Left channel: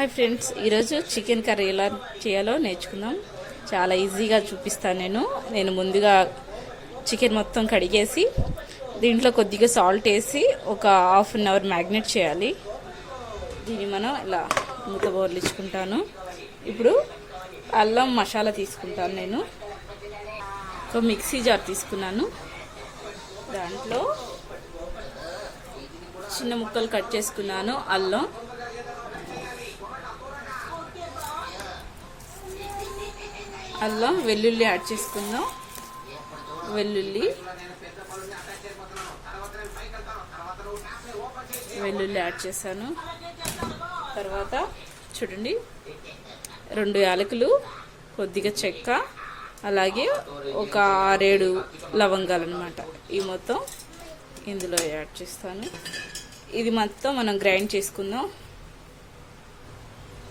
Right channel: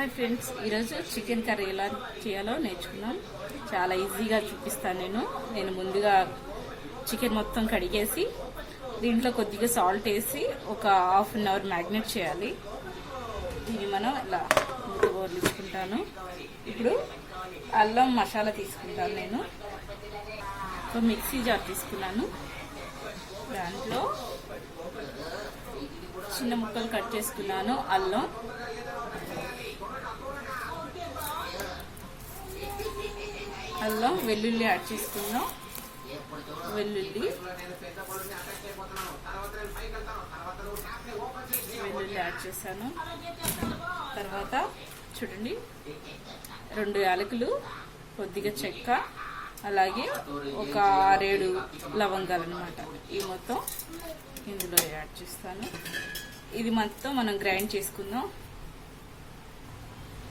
Hi friends, ఈరోజు chicken curry ఎలా చేయాలో నేర్చుకుందాం. చాలా ఈజీగా చూపిస్తాను. నేను ముందుగా చికెన్ మొత్తం కడిగేసి దీంట్లో కొద్దిగా సాల్ట్ వేసి ఒక హాఫ్ అన్ అవర్ మ్యాగ్నేట్ చేయాలి. దీన్ని మనం ఇలా మూత బోర్లించుకుంటాను. ఇప్పుడు అల్లం మసాలా తీసుకుంటాను. నేను ఒక మిక్సీ జార్ తీసుకున్నాను. దాంట్లో చిన్న ముక్కలు కట్ చేసుకున్నాను. అల్లం వెల్లుల్లి యాడ్ చేసుకుందాం. వెల్లుల్లి యాడ్ చేశాను. తర్వాత చూడండి, 2 యాలకులు, కొద్దిగా చెక్క, అలాగే ఒక 6-7 లవంగాలు అన్నమాట. ఈ మొత్తం ఇందులో యాడ్ చేస్తాను. ఇది మొత్తం మనం గ్రైండ్ చేసుకుందాం.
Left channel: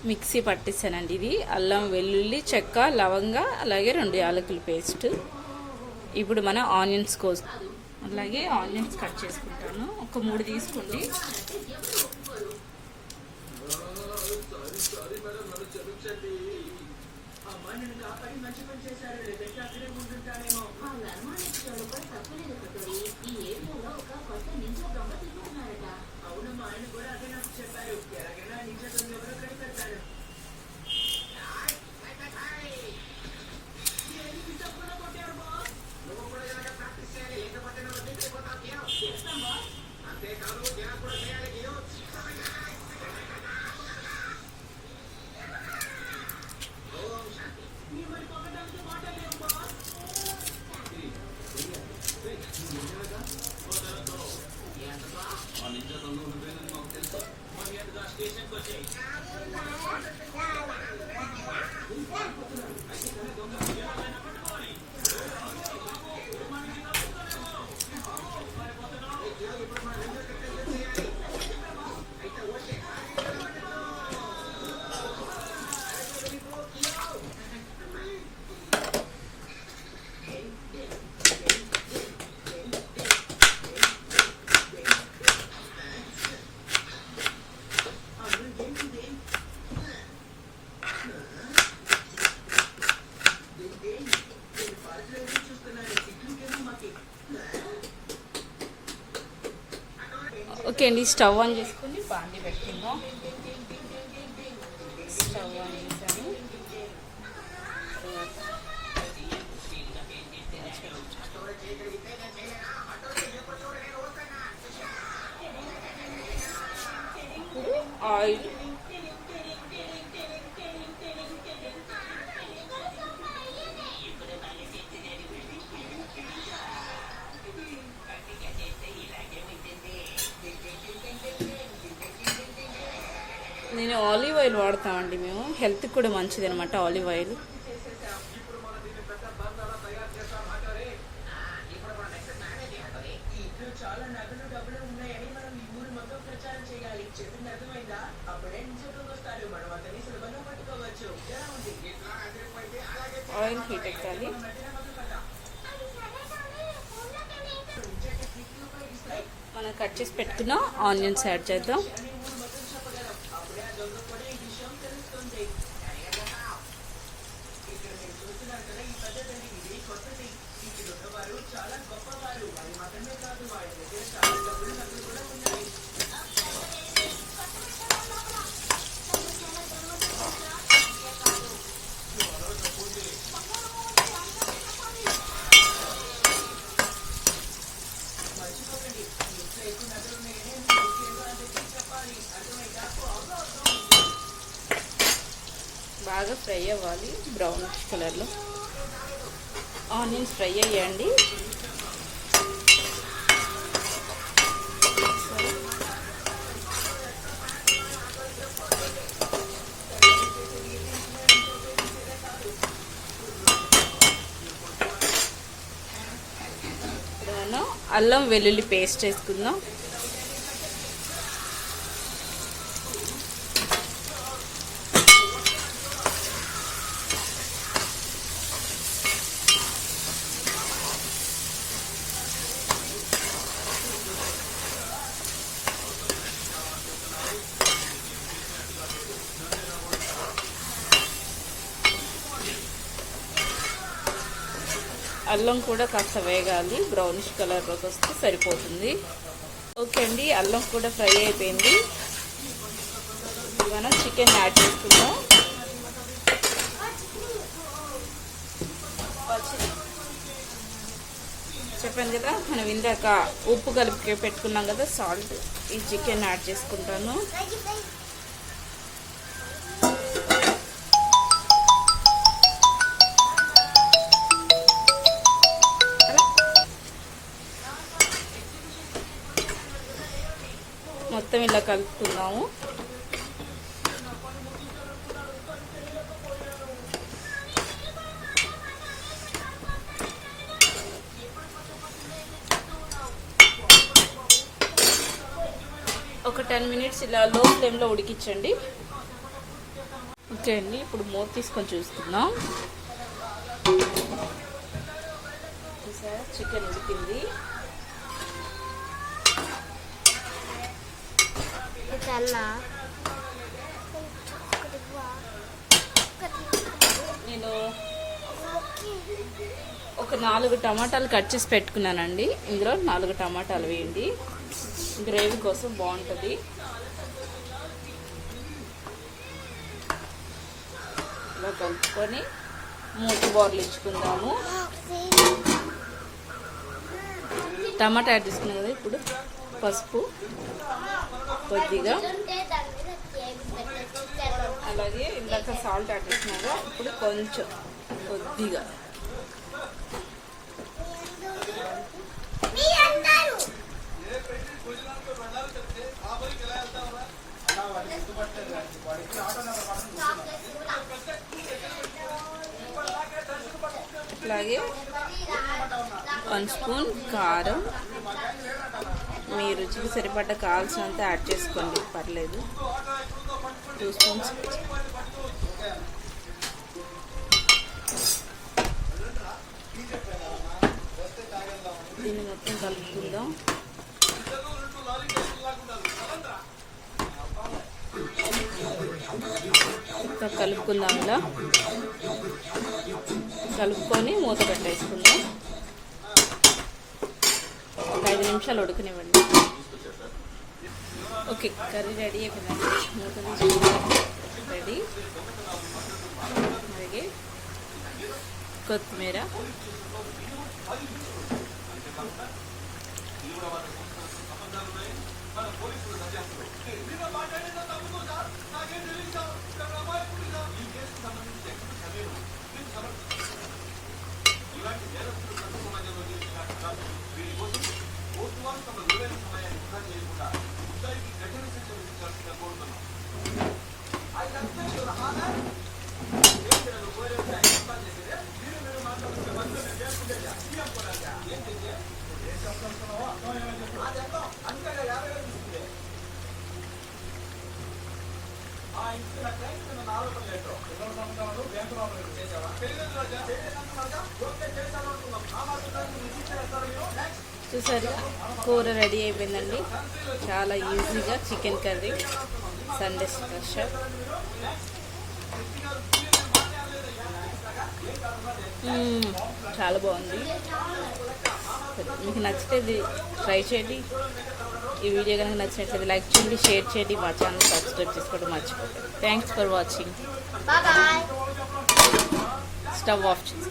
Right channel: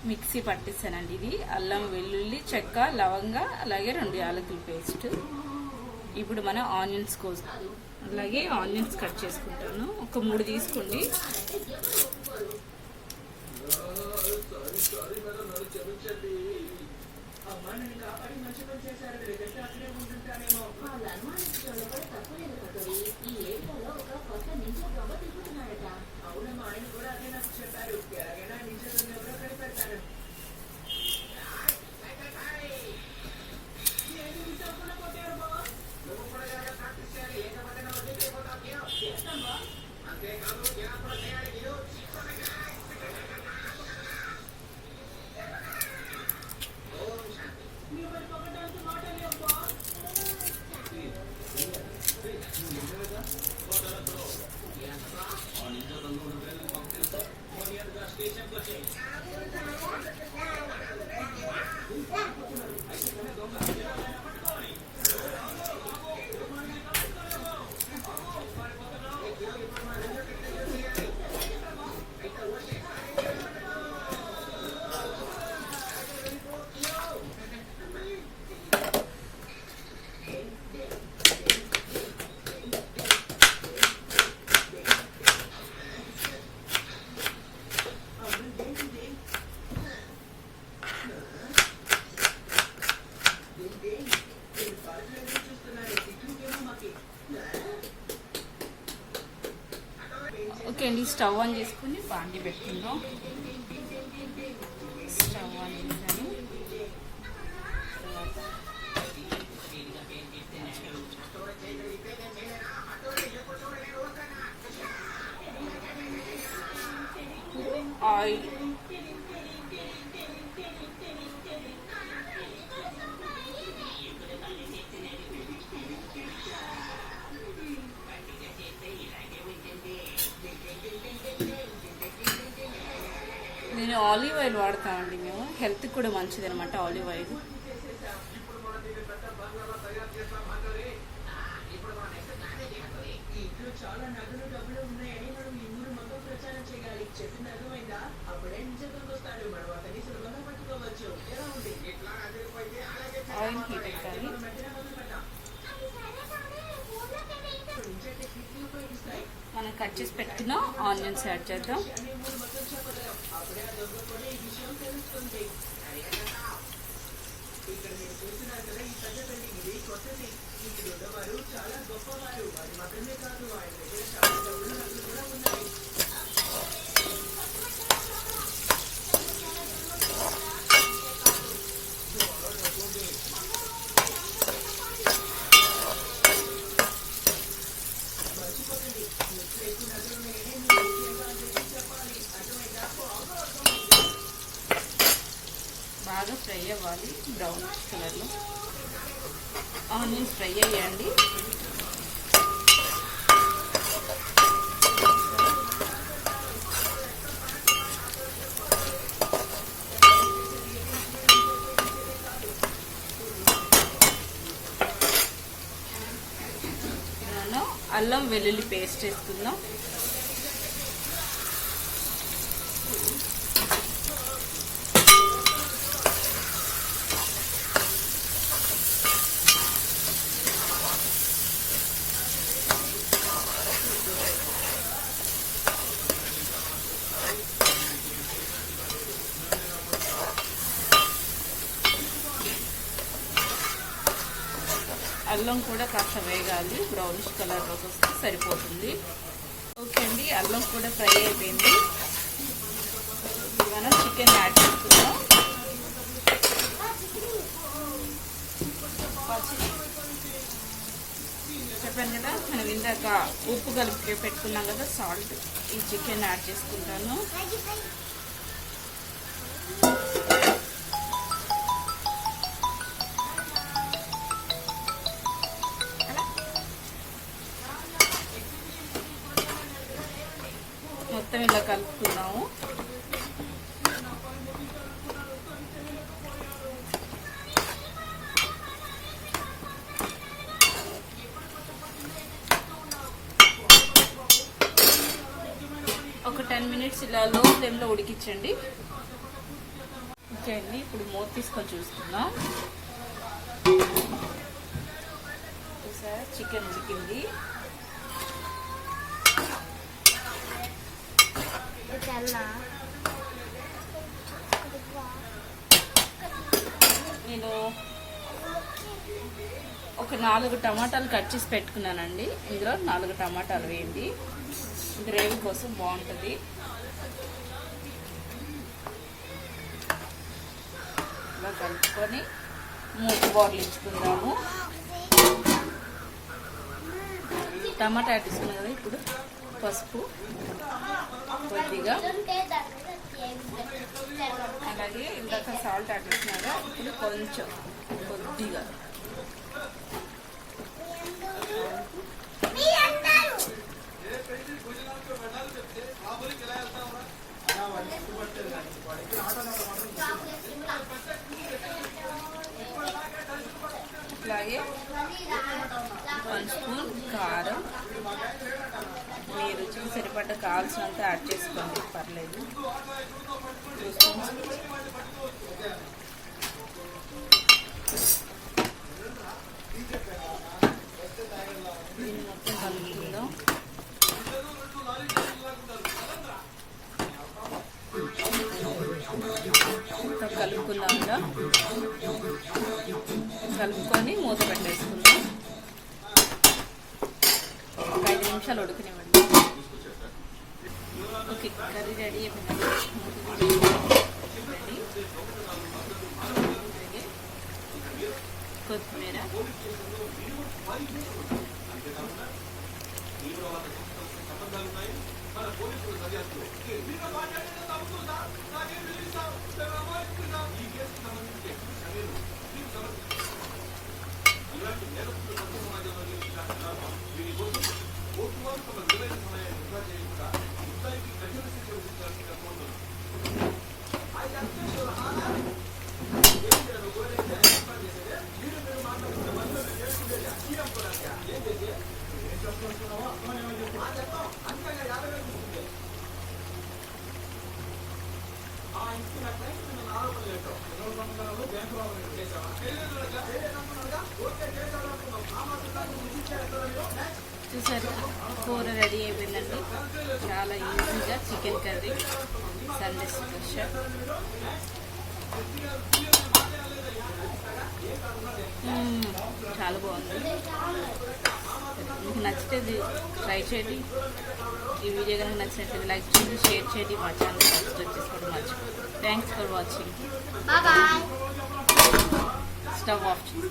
మిక్సీ పట్టిస్తానండి. ఇది అల్లం, వెల్లుల్లి, చెక్క, లవంగా, అలాగే 2 యాలకుల పేస్ట్. ఇప్పుడు మనం ఆనియన్స్ అలాగే ఆనియన్స్ కట్ చేసుకుంటాను. ఒక 3 తీసుకోండి. ఓకే అండి, స్టవ్ ఆన్ చేసుకుని బాండి పెట్టుకుందాం. స్టవ్ ఆన్ చేశాను. ఆయిల్, నేను ఆలివ్ ఆయిల్ వాడతామండి. మేము హెల్త్ కూడా మంచిది అనమాట ఆలివ్ ఆయిల్. ఆయిల్ హీట్ ఎక్కాలి. మనం కట్ చేసి పెట్టుకున్న ఆనియన్స్ యాడ్ చేద్దాం. బాగా ఫ్రై అవ్వాలి, బ్రౌన్ కలర్లో. ఆనియన్స్ ఫ్రై అయ్యండి. అల్లం వెల్లుల్లి పేస్ట్ వేసుకుందాం. అల్లం కూడా కాస్త వేగాలి, బ్రౌనిష్ కలర్లోకి వస్తే సరిపోతుంది. ఓకే అండి, అల్లం కూడా ఫ్రై అయిపోయింది. మనం చికెన్ యాడ్ చేసుకుందాం. చెప్పాను కదా, మనం ఇందాక ఉప్పు కలిపి పెట్టుకున్నాం కదా, సాల్ట్. ఈ చికెన్ యాడ్ చేసుకుంటాను. మొత్తం ఇలా కలుపుకుందాము. ఒక 10 మినిట్స్ ఇలా లో ఫ్లేమ్లో ఉడికించండి. ఓకే అండి, ఇప్పుడు మూత తీసుకొని చూస్తున్నాం. చికెన్ ఉడికింది. నేను ఒక 4 టమాటాలు కట్ చేసి పెట్టుకున్నానండి. ఇందులో 4 టమాటాలు వేయండి, గ్రేవీ కోసం బాగుంటుంది. ఇలా కలుపుకొని మూతి బాటిల్ ఇచ్చుకుందాము. టమాటా యాడ్ చేసుకున్నాం కదా, ఇప్పుడు పసుపు కొద్దిగా, అలాగే ఇందాక సాల్ట్ యాడ్ చేసినాక ఇప్పుడు కొంచెం కొద్దిగా అలాగే 1 స్పూన్ కారం. మీ రుచికి సరిపడ్డ కావాల్సినంత యాడ్ చేసుకోండి, పర్లేదు. 2 స్పూన్స్. దీన్ని మొత్తం కలుపుకుందాం. కలుపుకుందాం. ఇలా కలుపుకొని మూత పెట్టేసుకుందాం. ఒక 5 నిమిషాలు ఉడకనివ్వండి. ఓకే, కర్రీ రెడీ అయిపోయింది. మూత తీసి రెడీ. అలాగే కొత్తిమీర, చూసారు, కూర రెడీ అయిపోయిందండి. చాలా ఈజీగా చికెన్ కర్రీ, సండే స్పెషల్. చాలా బాగుంది. మీకు నచ్చితే ట్రై చేయండి. ఈ వీడియో కనుక నచ్చినట్లయితే లైక్ చేయండి, షేర్ చేయండి, మా ఛానల్ సబ్స్క్రైబ్ చేసుకోవడం మర్చిపోండి. Thanks for watching. Stove off చేసి